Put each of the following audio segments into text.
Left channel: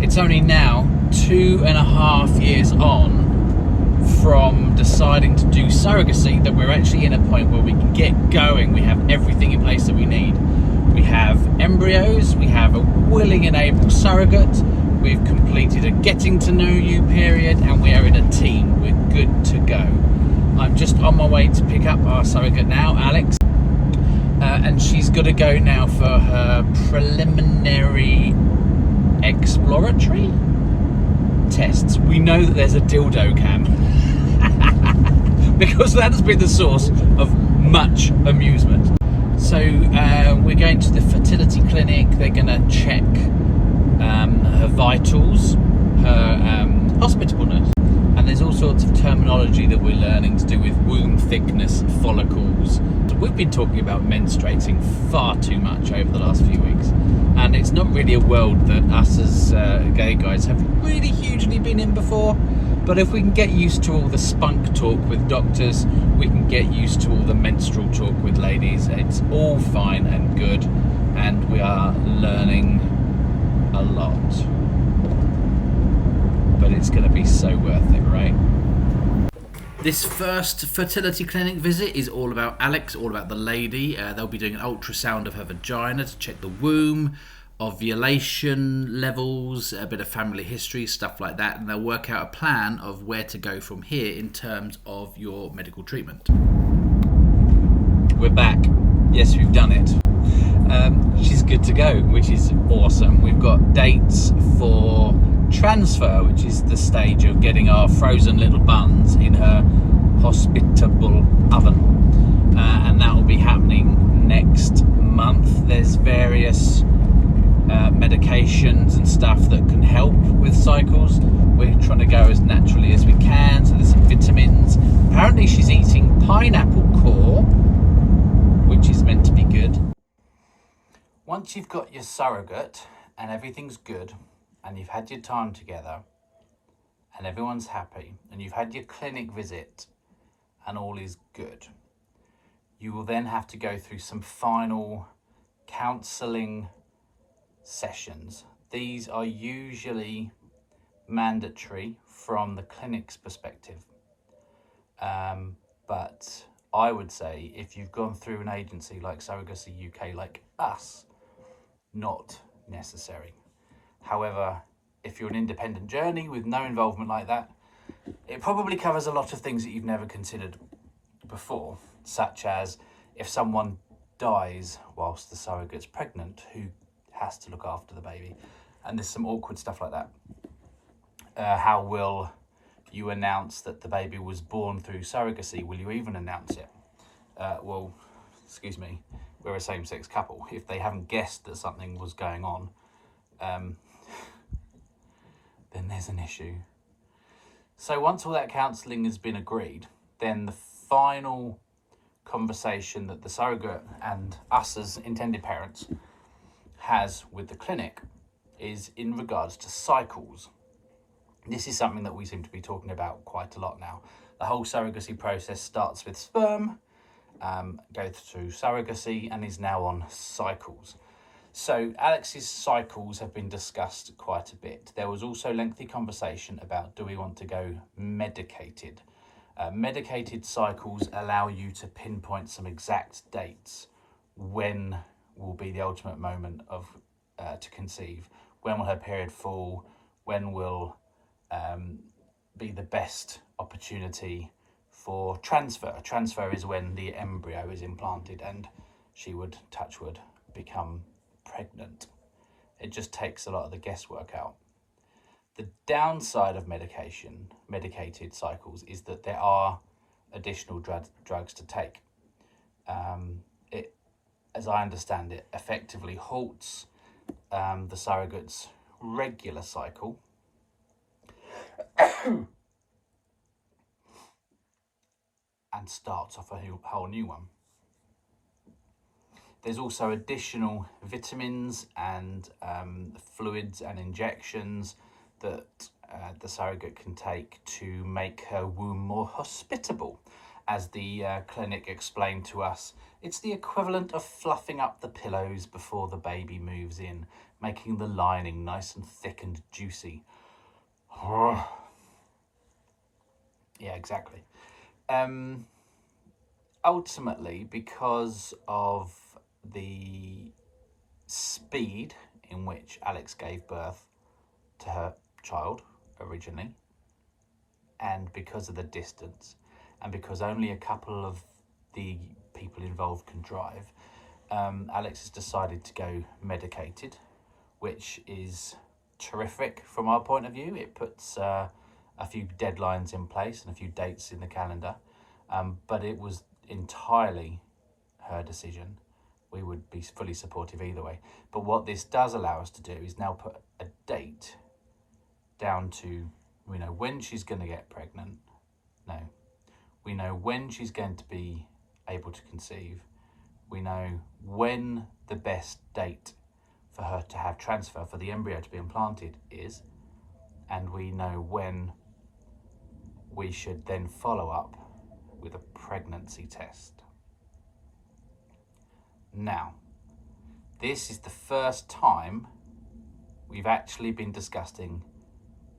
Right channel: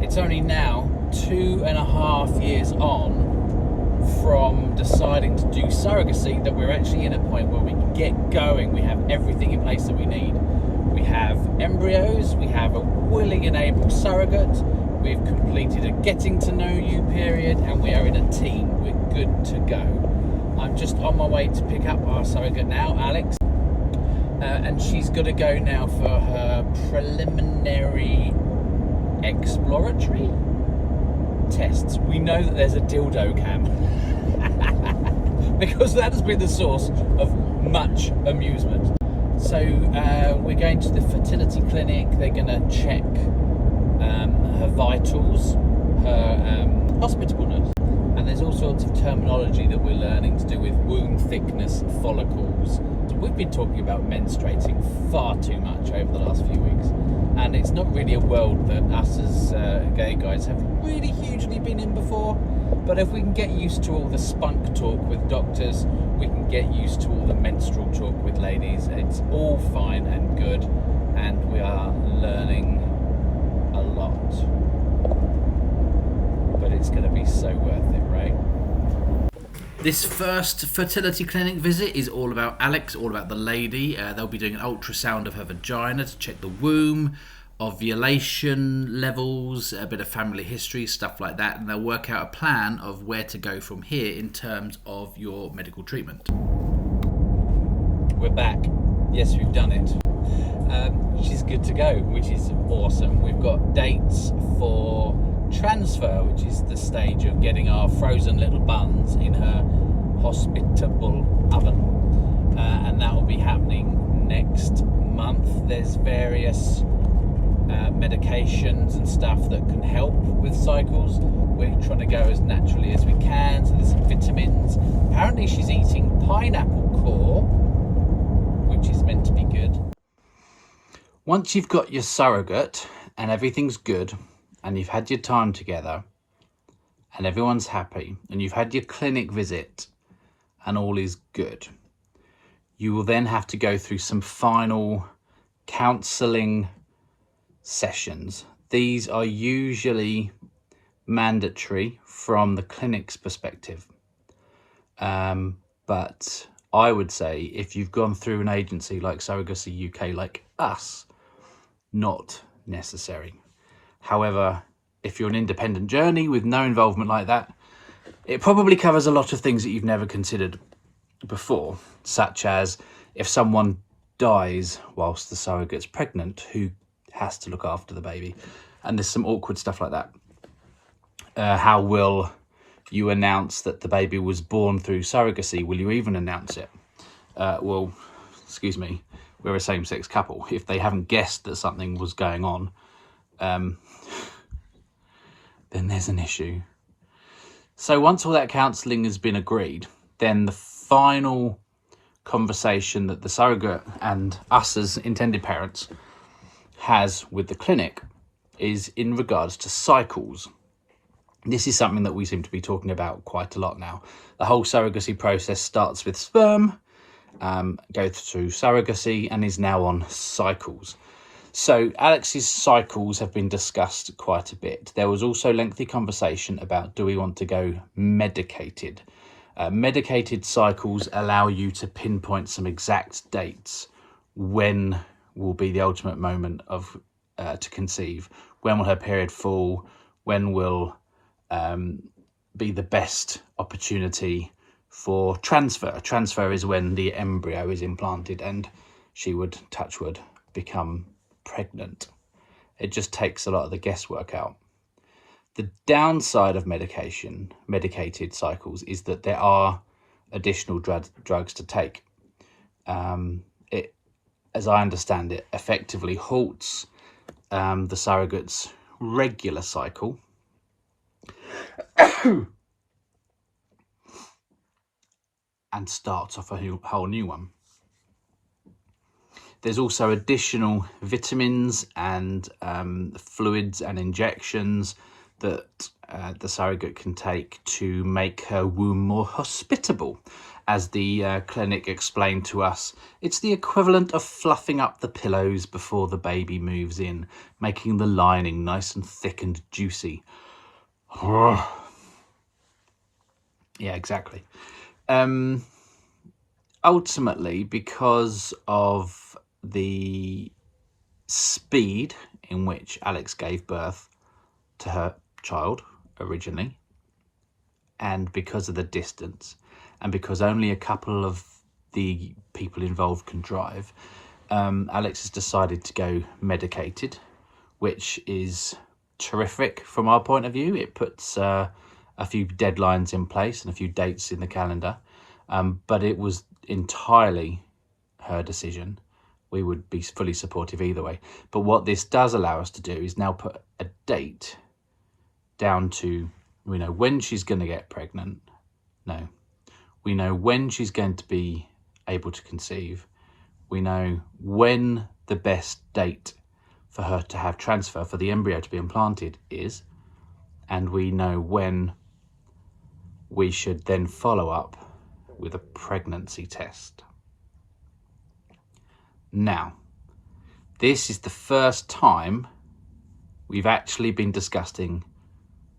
it's only now 2.5 years on from deciding to do surrogacy that we're actually in a point where we can get going. We have everything in place that we need. We have embryos, we have a willing and able surrogate, we've completed a getting to know you period, and we are in a team. We're good to go. I'm just on my way to pick up our surrogate now, Alex, and she's got to go now for her preliminary exploratory tests. We know that there's a dildo cam because that's been the source of much amusement. So we're going to the fertility clinic. They're going to check her vitals, her hospitableness, and there's all sorts of terminology that we're learning to do with womb thickness, follicles. We've been talking about menstruating far too much over the last few weeks, and it's not really a world that us as gay guys have really hugely been in before. But if we can get used to all the spunk talk with doctors, we can get used to all the menstrual talk with ladies. It's all fine and good, and we are learning a lot. But it's going to be so worth it, right? This first fertility clinic visit is all about Alex, all about the lady. They'll be doing an ultrasound of her vagina to check the womb, ovulation levels, a bit of family history, stuff like that, and they'll work out a plan of where to go from here in terms of your medical treatment. We're back. Yes, we've done it. She's good to go, which is awesome. We've got dates for transfer, which is the stage of getting our frozen little buns in her hospitable oven, and that will be happening next month. There's various medications and stuff that can help with cycles. We're trying to go as naturally as we can, so there's some vitamins. Apparently she's eating pineapple core, which is meant to be good. Once you've got your surrogate and everything's good, and you've had your time together and everyone's happy, and you've had your clinic visit and all is good, you will then have to go through some final counselling sessions. These are usually mandatory from the clinic's perspective, but I would say if you've gone through an agency like Surrogacy UK, like us, not necessary. However, if you're an independent journey with no involvement like that, it probably covers a lot of things that you've never considered before, such as if someone dies whilst the surrogate's pregnant, who has to look after the baby? And there's some awkward stuff like that. How will you announce that the baby was born through surrogacy? Will you even announce it? Well, excuse me, we're a same-sex couple. If they haven't guessed that something was going on, then there's an issue. So once all that counselling has been agreed, then the final conversation that the surrogate and us as intended parents has with the clinic is in regards to cycles. This is something that we seem to be talking about quite a lot now. The whole surrogacy process starts with sperm, goes through surrogacy, and is now on cycles. So Alex's cycles have been discussed quite a bit. There was also lengthy conversation about, do we want to go medicated? Medicated cycles allow you to pinpoint some exact dates. When will be the ultimate moment of to conceive? When will her period fall? When will be the best opportunity for transfer? Transfer is when the embryo is implanted and she would, touch wood, become pregnant. It just takes a lot of the guesswork out. The downside of medicated cycles is that there are additional drugs to take. It, as I understand it, effectively halts the surrogate's regular cycle and starts off a whole new one. There's also additional vitamins and fluids and injections that the surrogate can take to make her womb more hospitable. as the clinic explained to us, it's the equivalent of fluffing up the pillows before the baby moves in, making the lining nice and thick and juicy. Yeah, exactly. Ultimately, because of the speed in which Alex gave birth to her child originally, and because of the distance, and because only a couple of the people involved can drive, Alex has decided to go medicated, which is terrific from our point of view. It puts a few deadlines in place and a few dates in the calendar, but it was entirely her decision. We would be fully supportive either way. But what this does allow us to do is now put a date down to, we know when she's going to get pregnant. No. We know when she's going to be able to conceive. We know when the best date for her to have transfer, for the embryo to be implanted, is. And we know when we should then follow up with a pregnancy test. Now, this is the first time we've actually been discussing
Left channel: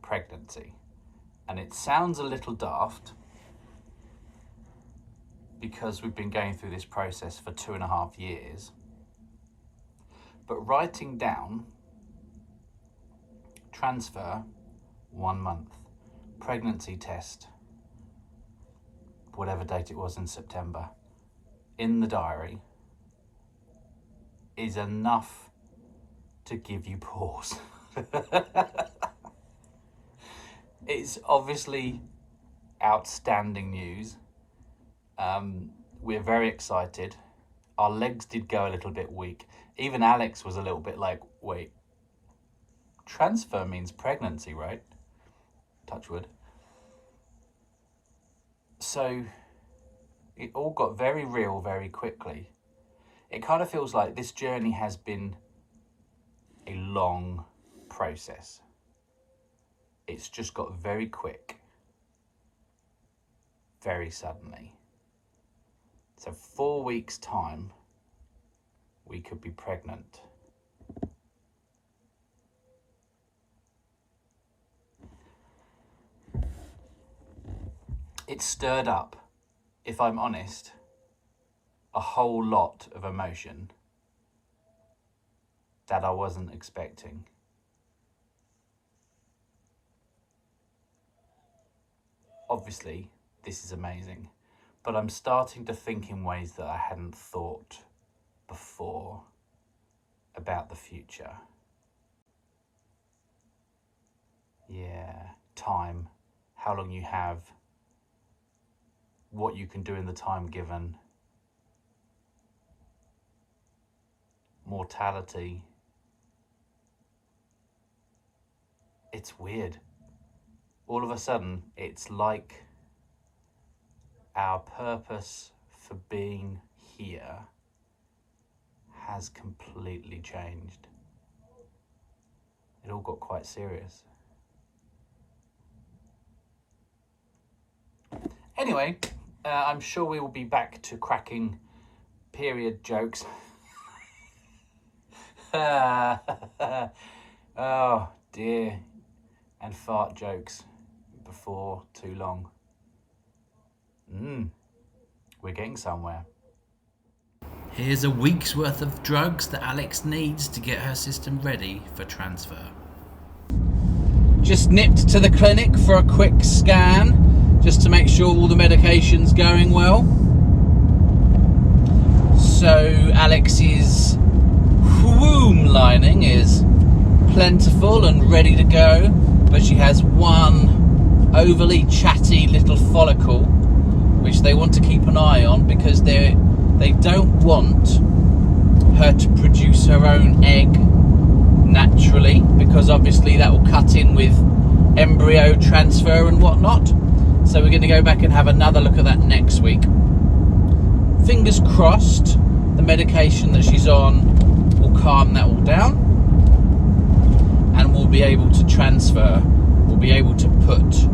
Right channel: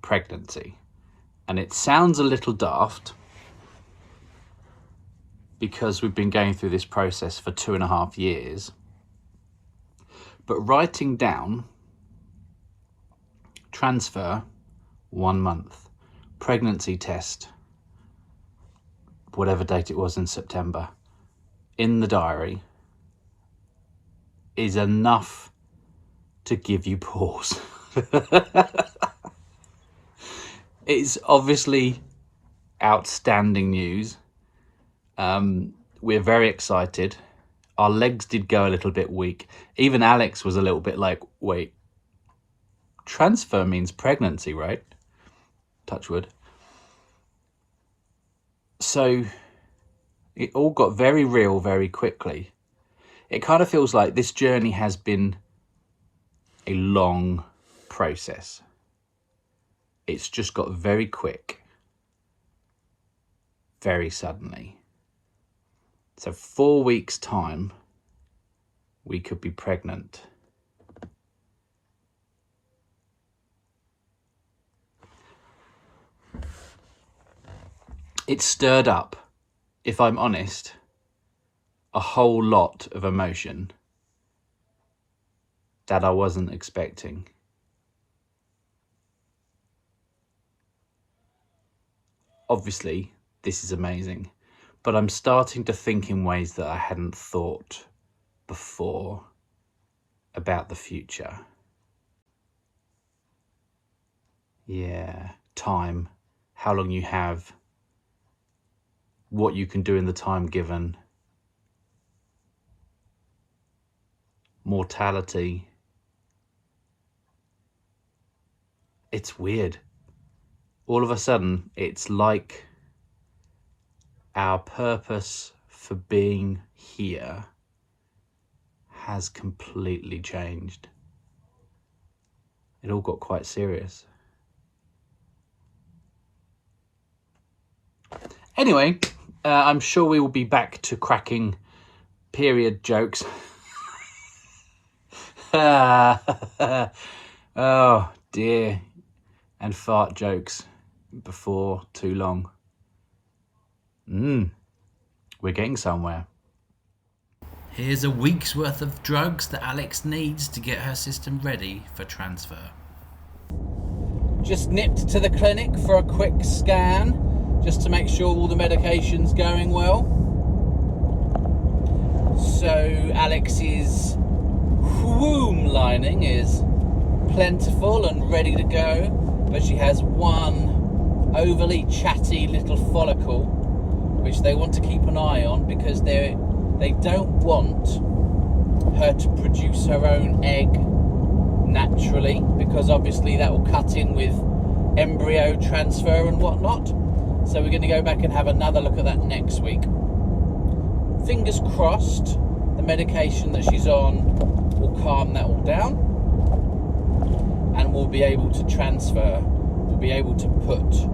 pregnancy. And it sounds a little daft because we've been going through this process for 2.5 years. But writing down transfer 1 month, pregnancy test, whatever date it was in September, in the diary, is enough to give you pause. It's obviously outstanding news. We're very excited. Our legs did go a little bit weak. Even Alex was a little bit like, wait, transfer means pregnancy, right? Touch wood. So it all got very real very quickly. It kind of feels like this journey has been a long process. It's just got very quick, very suddenly. So 4 weeks' time, we could be pregnant. It stirred up, if I'm honest, a whole lot of emotion that I wasn't expecting. Obviously, this is amazing, but I'm starting to think in ways that I hadn't thought before about the future. Yeah, time, how long you have, what you can do in the time given, mortality. It's weird. All of a sudden, it's like our purpose for being here has completely changed. It all got quite serious. Anyway, I'm sure we will be back to cracking period jokes. Oh dear. And fart jokes before too long. We're getting somewhere. Here's a week's worth of drugs that Alex needs to get her system ready for transfer. Just nipped to the clinic for a quick scan, just to make sure all the medication's going well. So Alex's womb lining is plentiful and ready to go, but she has one overly chatty little follicle which they want to keep an eye on, because they don't want her to produce her own egg naturally, because obviously that will cut in with embryo transfer and whatnot. So we're going to go back and have another look at that next week. Fingers crossed the medication that she's on will calm that all down, and we'll be able to transfer. We'll be able to put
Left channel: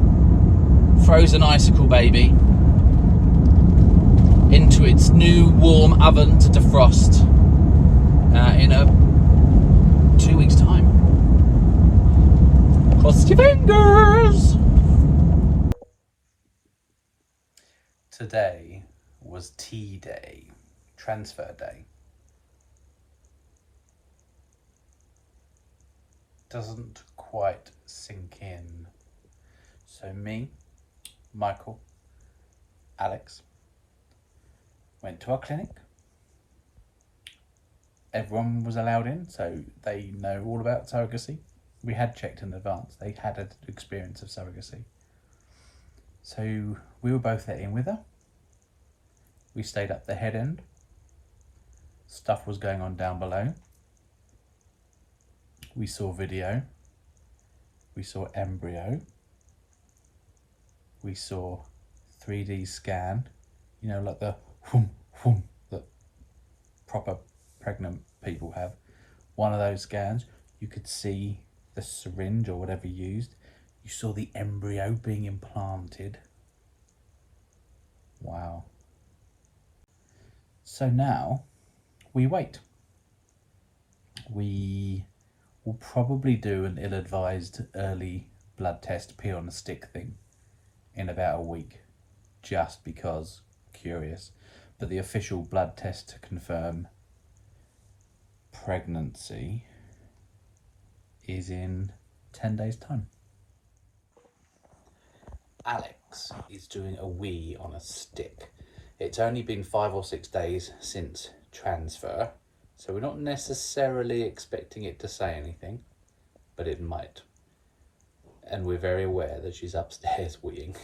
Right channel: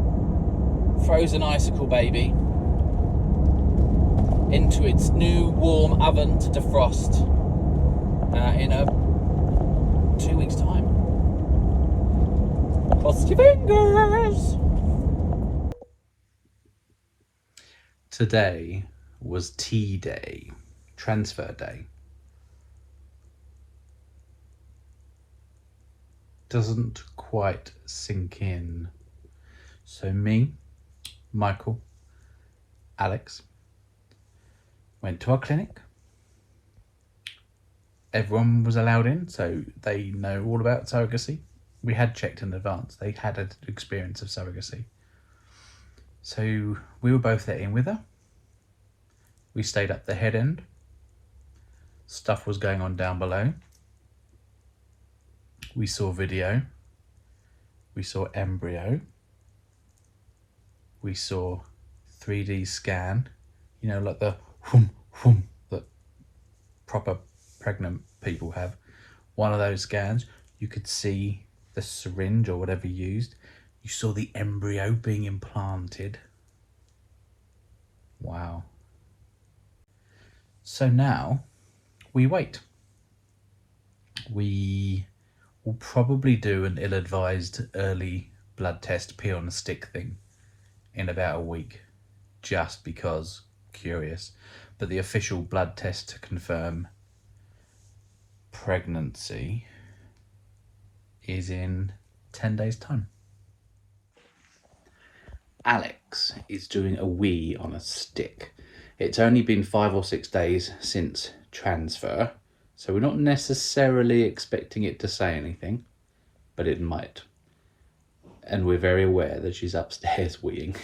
frozen icicle baby into its new warm oven to defrost in 2 weeks' time. Cross your fingers! Today was T-Day, transfer day. Doesn't quite sink in. So me, Michael, Alex, went to our clinic. Everyone was allowed in, so they know all about surrogacy. We had checked in advance. They had an experience of surrogacy. So we were both let in with her. We stayed up the head end. Stuff was going on down below. We saw video. We saw embryo. We saw 3D scan. You know, like the whoom, whoom that proper pregnant people have. One of those scans, you could see the syringe or whatever used. You saw the embryo being implanted. Wow. So now we wait. We will probably do an ill-advised early blood test, pee on a stick thing in about a week, just because curious. But the official blood test to confirm pregnancy is in 10 days' time. Alex is doing a wee on a stick. It's only been 5 or 6 days since transfer, so we're not necessarily expecting it to say anything, but it might. And we're very aware that she's upstairs weeing.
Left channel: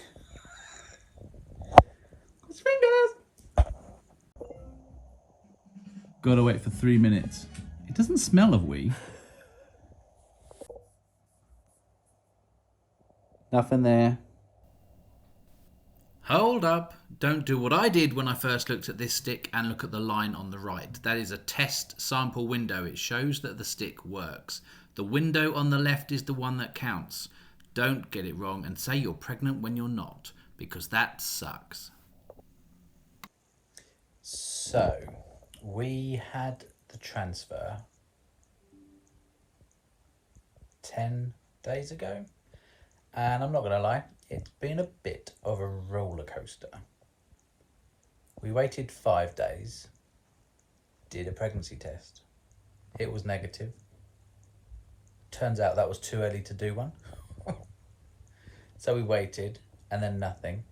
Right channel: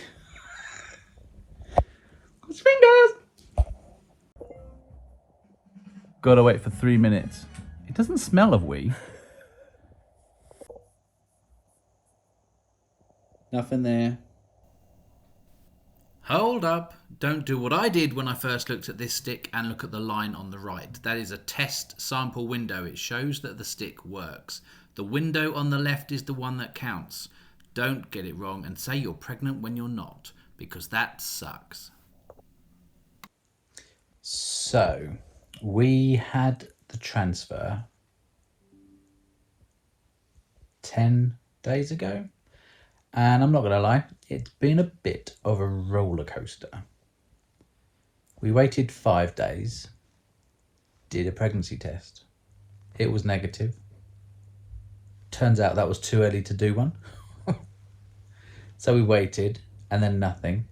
Fingers! Gotta wait for 3 minutes. It doesn't smell of wee. Nothing there. Hold up. Don't do what I did when I first looked at this stick and look at the line on the right. That is a test sample window. It shows that the stick works. The window on the left is the one that counts. Don't get it wrong and say you're pregnant when you're not, because that sucks. So, we had the transfer 10 days ago. And I'm not going to lie, it's been a bit of a roller coaster. We waited 5 days, did a pregnancy test. It was negative. Turns out that was too early to do one. So we waited, and then nothing,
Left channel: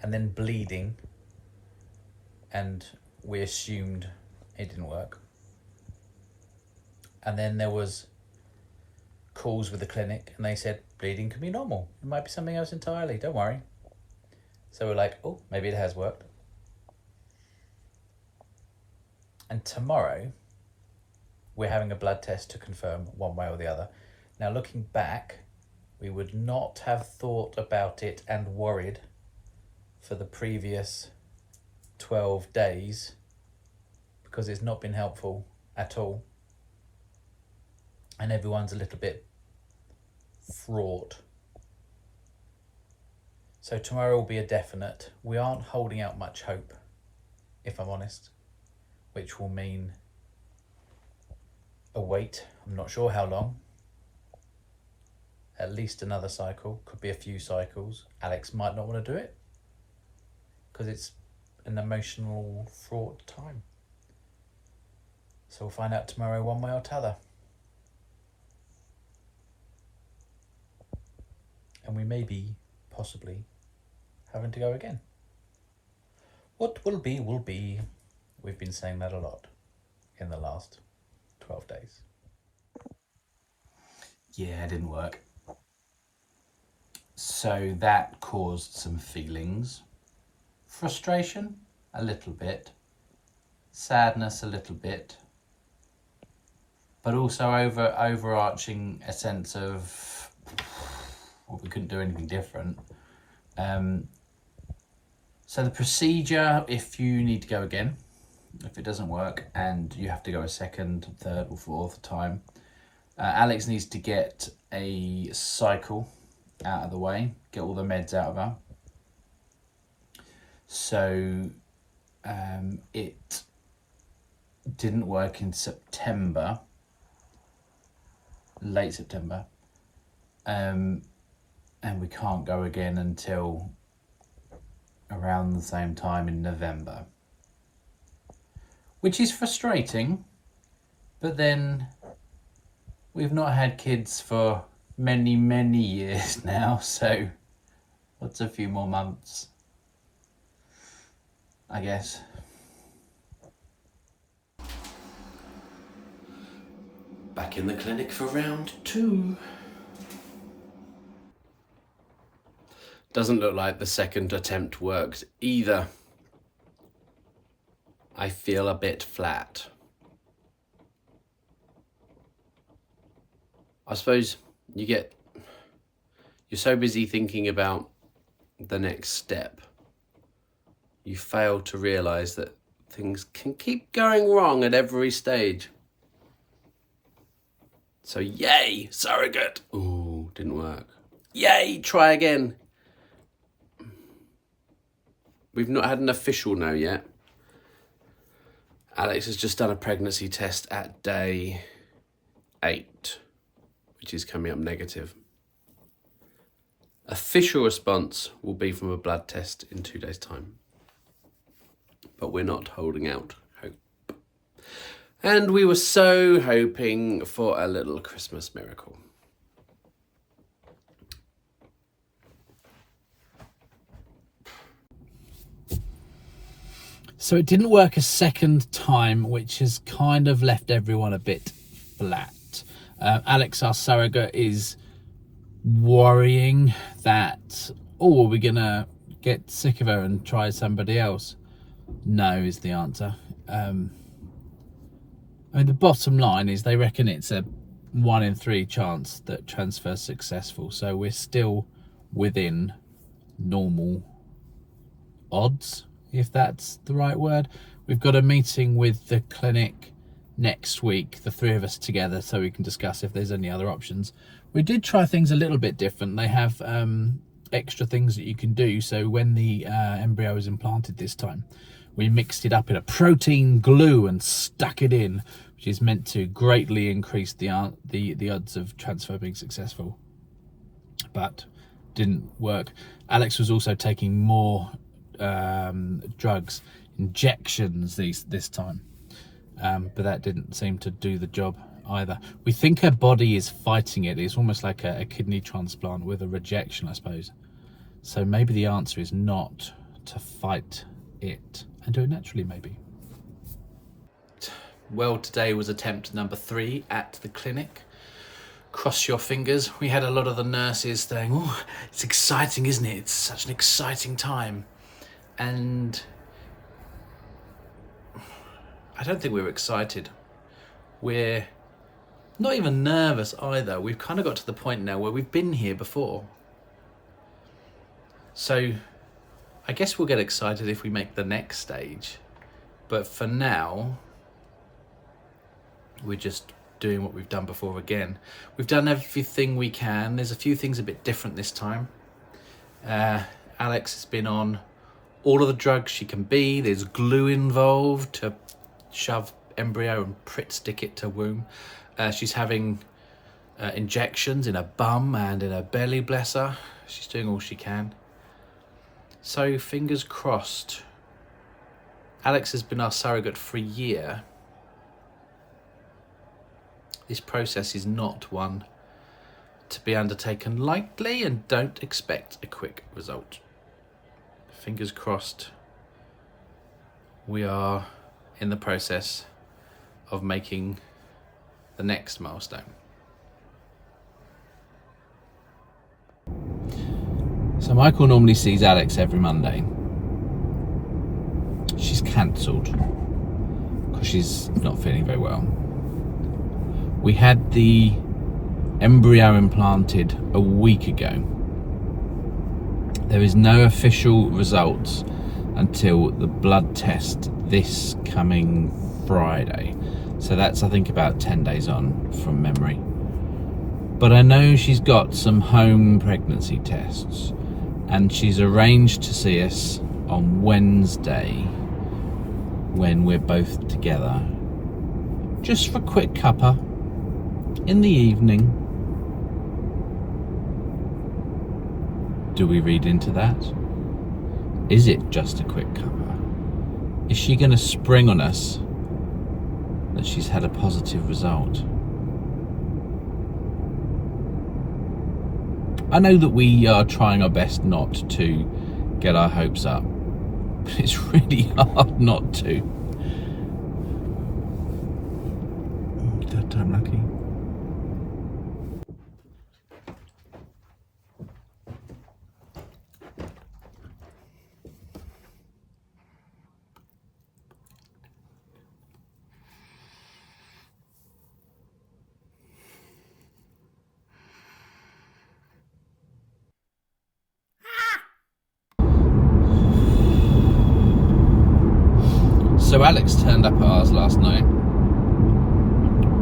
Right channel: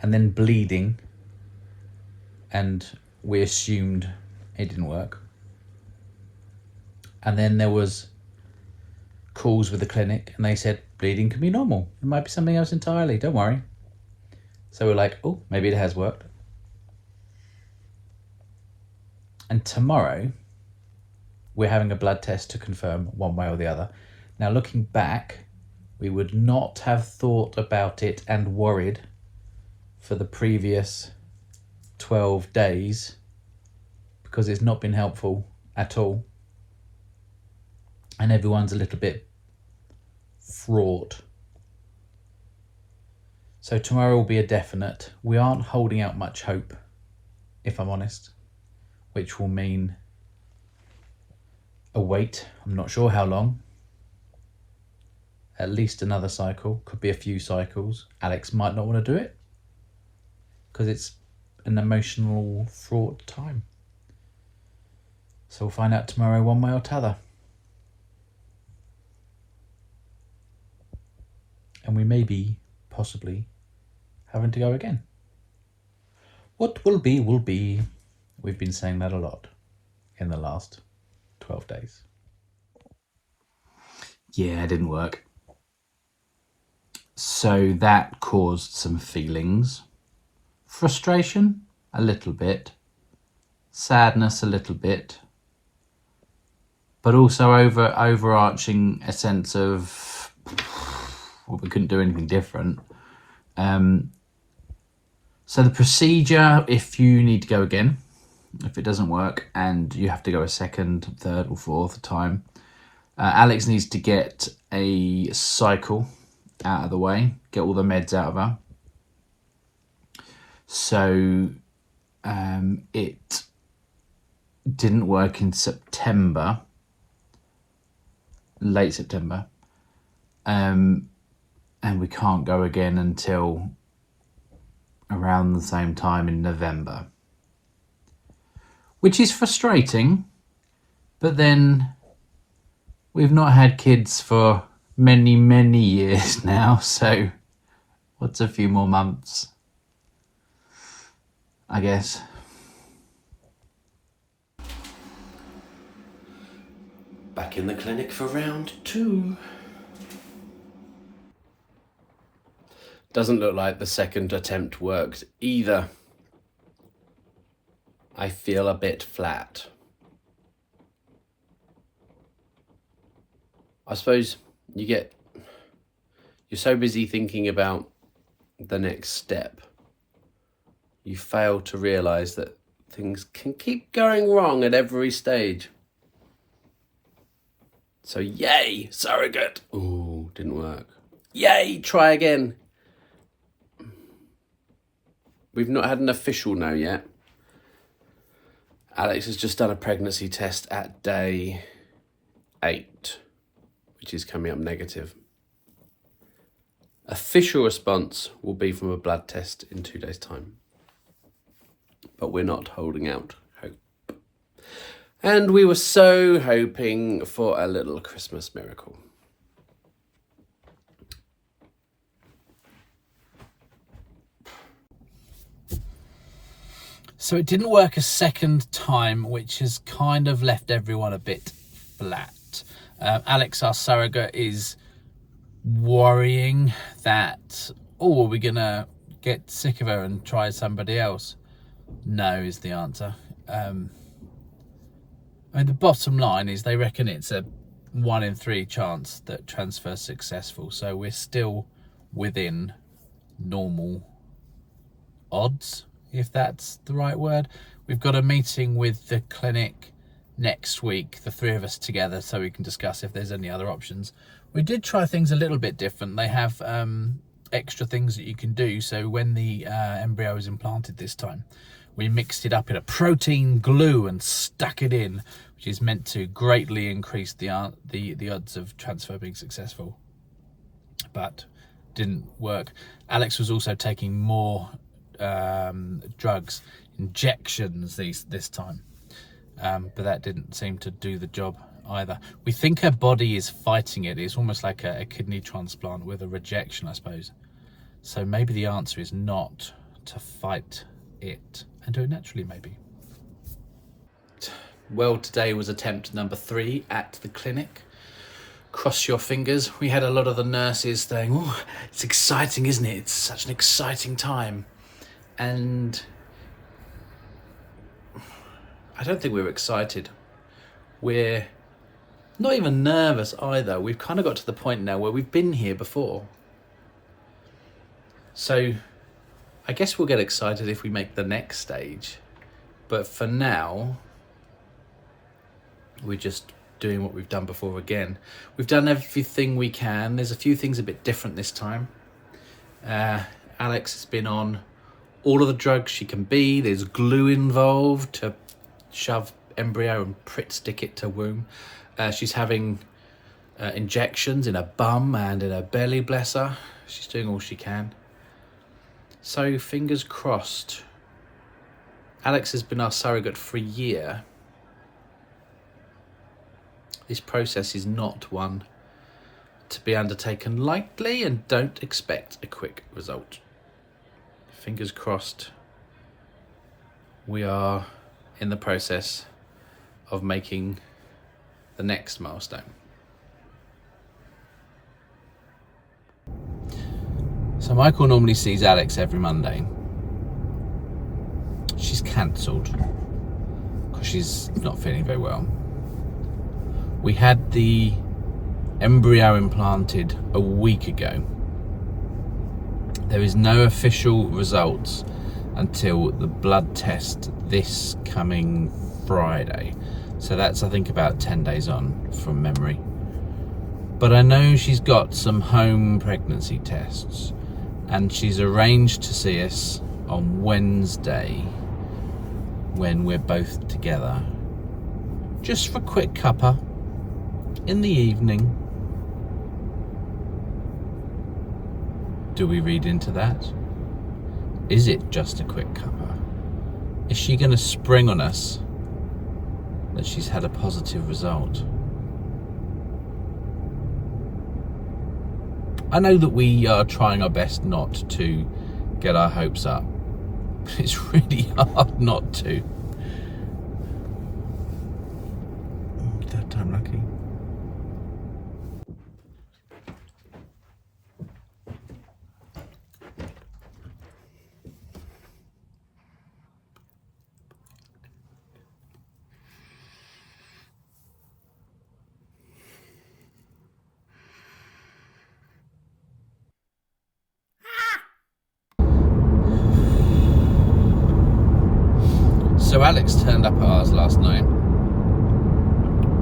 and then bleeding, and we assumed it didn't work. And then there was calls with the clinic, and they said bleeding can be normal. It might be something else entirely, don't worry. So we're like, oh, maybe it has worked. And tomorrow, we're having a blood test to confirm one way or the other. Now, looking back, we would not have thought about it and worried for the previous 12 days because it's not been helpful at all. And everyone's a little bit fraught. So tomorrow will be a definite. We aren't holding out much hope, if I'm honest, which will mean a wait. I'm not sure how long. At least another cycle, could be a few cycles. Alex might not want to do it because it's an emotional, fraught time. So we'll find out tomorrow one way or t'other. And we may be, possibly, having to go again. What will be, will be. We've been saying that a lot in the last 12 days. Yeah, it didn't work. So that caused some feelings. Frustration, a little bit. Sadness, a little bit. But also overarching a sense of, well, we couldn't do anything different. So the procedure, if you need to go again, if it doesn't work and you have to go a second, third or fourth time, Alex needs to get a cycle out of the way, get all the meds out of her. So It didn't work in September, late September, and we can't go again until around the same time in November, which is frustrating. But then we've not had kids for many years now, so what's a few more months, I guess. Back in the clinic for round 2. Doesn't look like the second attempt worked either. I feel a bit flat. I suppose you're so busy thinking about the next step, you fail to realise that things can keep going wrong at every stage. So yay, surrogate. Ooh, didn't work. Yay, try again. We've not had an official no yet. Alex has just done a pregnancy test at day 8, which is coming up negative. Official response will be from a blood test in 2 days' time. But we're not holding out hope. And we were so hoping for a little Christmas miracle. So it didn't work a second time, which has kind of left everyone a bit flat. Alex, our surrogate, is worrying that, are we going to get sick of her and try somebody else? No is the answer. I mean, the bottom line is they reckon it's a 1 in 3 chance that transfer's successful. So we're still within normal odds, if that's the right word. We've got a meeting with the clinic next week, the 3 of us together, so we can discuss if there's any other options. We did try things a little bit different. They have extra things that you can do. So when the embryo was implanted this time, we mixed it up in a protein glue and stuck it in, which is meant to greatly increase the odds of transfer being successful, but didn't work. Alex was also taking more drugs, injections this time, but that didn't seem to do the job either. We think her body is fighting it. It's almost like a kidney transplant with a rejection, I suppose. So maybe the answer is not to fight it and do it naturally, maybe. Well, today was attempt number 3 at the clinic. Cross your fingers. We had a lot of the nurses saying, oh, it's exciting, isn't it? It's such an exciting time. And I don't think we're excited. We're not even nervous either. We've kind of got to the point now where we've been here before. So I guess we'll get excited if we make the next stage. But for now, we're just doing what we've done before again. We've done everything we can. There's a few things a bit different this time. Alex has been on all of the drugs she can be. There's glue involved to shove embryo and stick it to womb. She's having injections in her bum and in her belly, bless her. She's doing all she can. So fingers crossed. Alex has been our surrogate for a year. This process is not one to be undertaken lightly, and don't expect a quick result. Fingers crossed. We are in the process of making the next milestone. So Michael normally sees Alex every Monday. She's cancelled because she's not feeling very well. We had the embryo implanted a week ago. There is no official results until the blood test this coming Friday. So that's, I think, about 10 days on from memory. But I know she's got some home pregnancy tests, and she's arranged to see us on Wednesday when we're both together, just for a quick cuppa in the evening. Do we read into that? Is it just a quick cuppa? Is she going to spring on us that she's had a positive result? I know that we are trying our best not to get our hopes up, but it's really hard not to. Third time lucky. So Alex turned up at ours last night.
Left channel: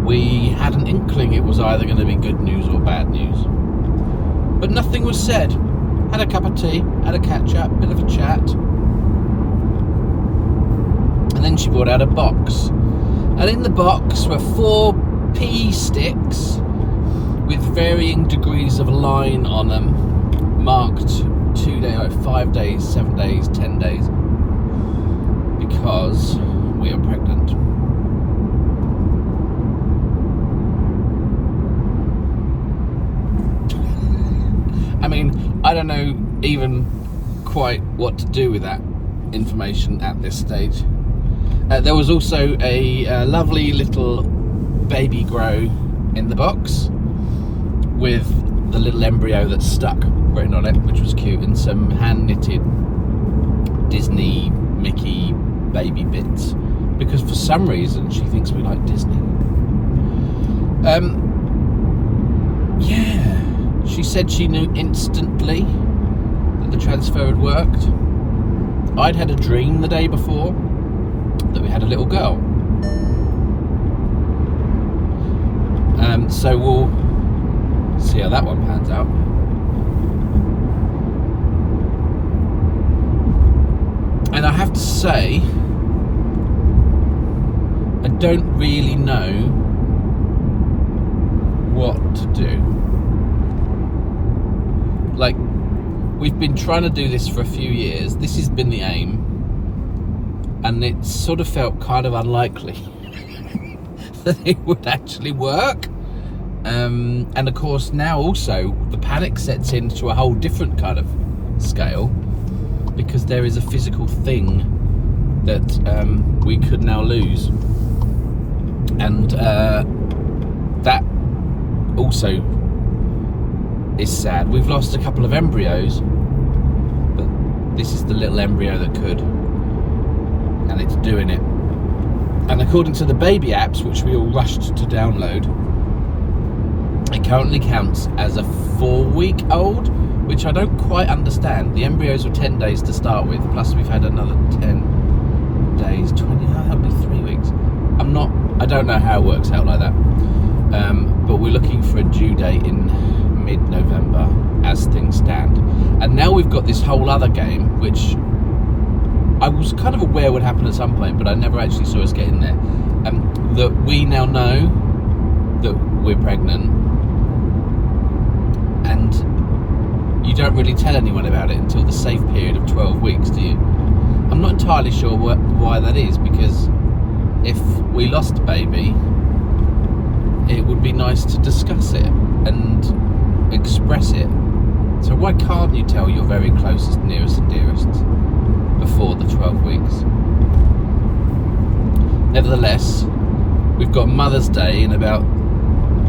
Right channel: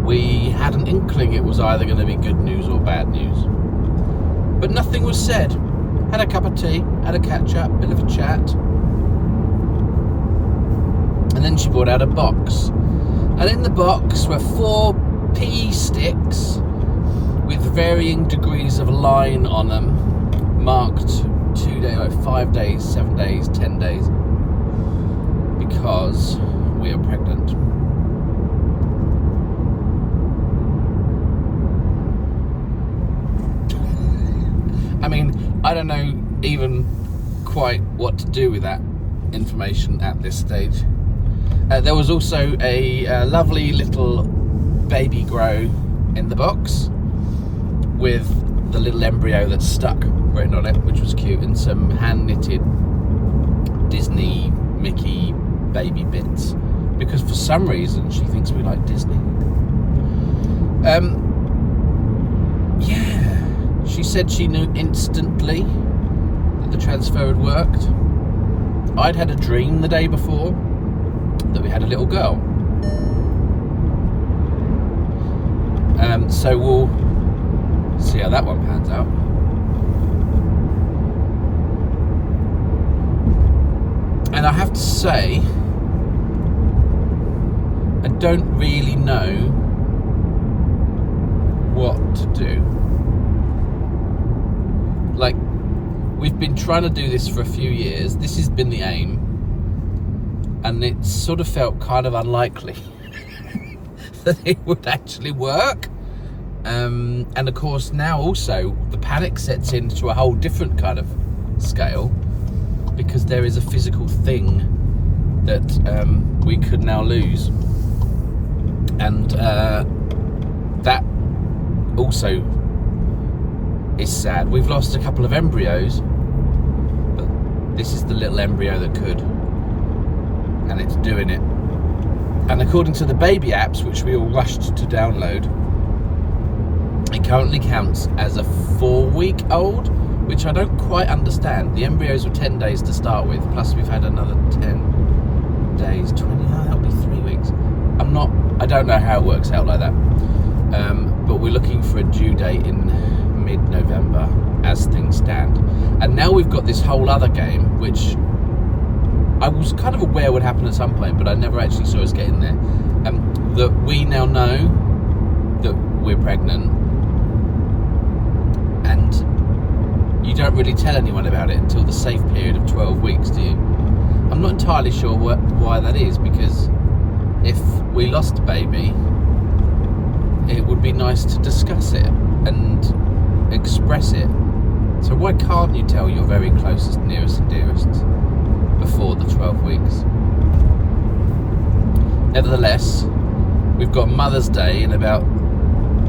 We had an inkling it was either going to be good news or bad news, but nothing was said. Had a cup of tea, had a catch up, bit of a chat, and then she brought out a box, and in the box were 4 pea sticks with varying degrees of line on them, marked 2 days, 5 days, 7 days, 10 days, because we are pregnant. I mean, I don't know even quite what to do with that information at this stage. There was also a lovely little baby grow in the box with the little embryo that's stuck written on it, which was cute, and some hand knitted Disney Mickey baby bits, because for some reason she thinks we like Disney. Yeah, she said she knew instantly that the transfer had worked. I'd had a dream the day before that we had a little girl. So we'll see how that one pans out. And I have to say, I don't really know what to do. Like, we've been trying to do this for a few years. This has been the aim, and it sort of felt kind of unlikely that it would actually work. And of course now also the panic sets into a whole different kind of scale, because there is a physical thing that we could now lose, and that also is sad. We've lost a couple of embryos, but this is the little embryo that could, and it's doing it. And according to the baby apps, which we all rushed to download, it currently counts as a 4-week-old, which I don't quite understand. The embryos were 10 days to start with, plus we've had another 10 days, 20, that'll be 3 weeks. I don't know how it works out like that. But we're looking for a due date in mid-November as things stand. And now we've got this whole other game, which I was kind of aware would happen at some point, but I never actually saw us get in there. That we now know that we're pregnant, and you don't really tell anyone about it until the safe period of 12 weeks, do you? I'm not entirely sure why that is, because if we lost a baby, it would be nice to discuss it and express it. So why can't you tell your very closest, nearest and dearest before the 12 weeks? Nevertheless, we've got Mother's Day in about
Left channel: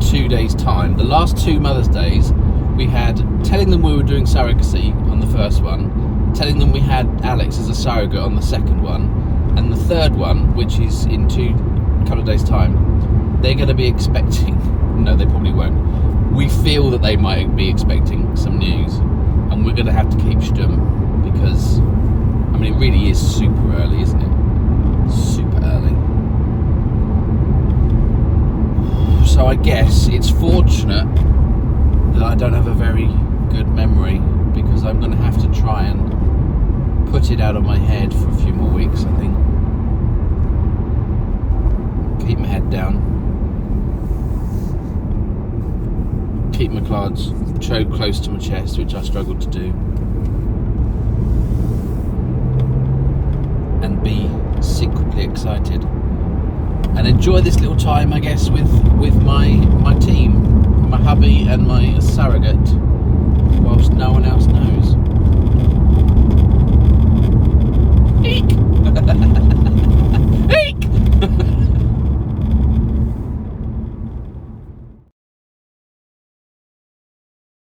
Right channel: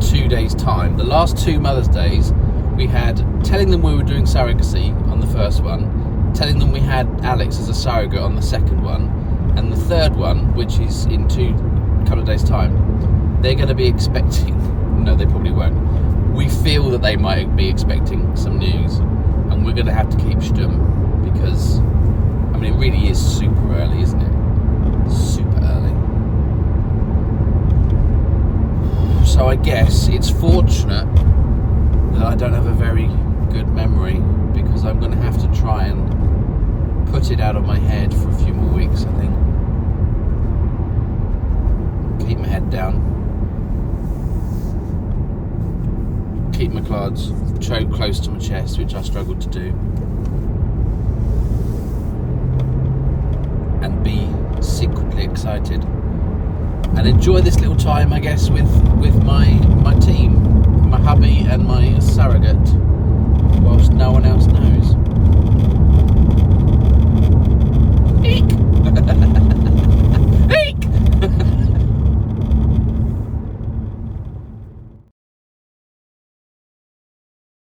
2 days' time. The last 2 Mother's Days, we had telling them we were doing surrogacy on the first one, telling them we had Alex as a surrogate on the second one, and the third one, which is in a couple of days' time, they're going to be expecting, no, they probably won't. We feel that they might be expecting some news, and we're going to have to keep stum, because, I mean, it really is super early, isn't it? Super early. So I guess it's fortunate that I don't have a very good memory, because I'm going to have to try and put it out of my head for a few more weeks, I think. keep my head down, keep my cards choked close to my chest, which I struggled to do, and be secretly excited and enjoy this little time, I guess, with my team, my hubby and my surrogate, whilst no one else knows. Eek!